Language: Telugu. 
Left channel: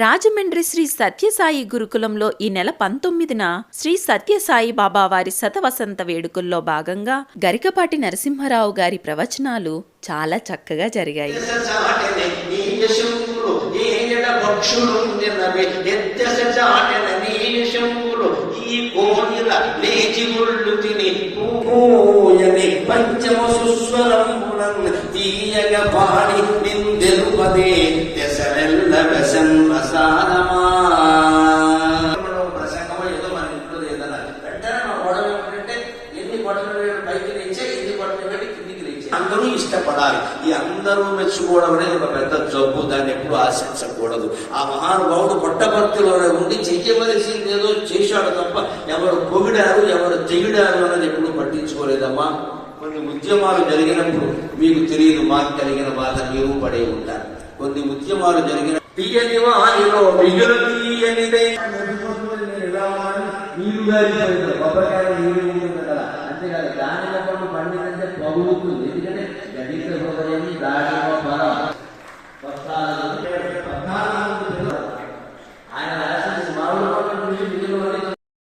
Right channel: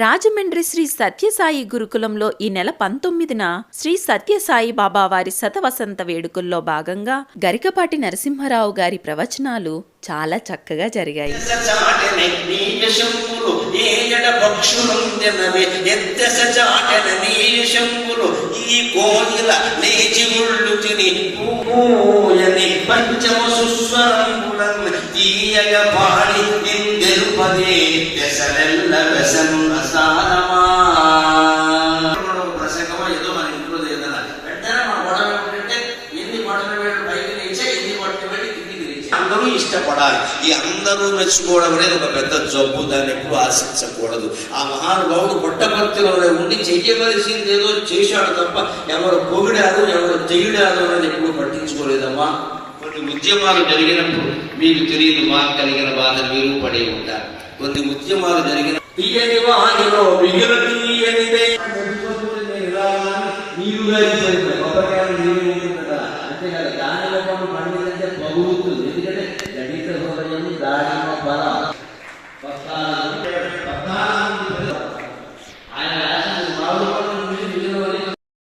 రాజమండ్రి శ్రీ సత్యసాయి గురుకులంలో ఈ నెల 19న శ్రీ సత్యసాయి బాబా వారి శతవసంత వేడుకల్లో భాగంగా గరికపాటి నరసింహారావు గారి ప్రవచనాలు చాలా చక్కగా జరిగాయి. అందరూ ఇష్టపడాలి. ఈ అందరూ మెచ్చుకోవడం అనేది ఒక పెద్ద జబ్బు. దాన్ని ఎప్పుడు ఆశించకూడదు. ఆ మహానుభావుడు పుట్టపర్తిలోనే ఉండి చెయ్యవలసింది ఏదో చేశాడు తప్ప ఎవరు పొగిడారు ఎవరు చెయ్యడారు అనేది ఎప్పుడు పట్టించుకోలేదమ్మా. కొన్ని ఉద్యమాలు జరిగినప్పుడు మీకు తెలియదు, మాకు కలిగిన బాధ మీరు పడే ఉంటారు. కొన్ని ఉద్యమాలు జరిగిన తీయని వానిలో మిగులు తీయనిదే అంతేకాదు దాని పండుగ పండుగ పగులుతుంది. ఎందుకంటే దళిత హృదయం దాడిలో బలం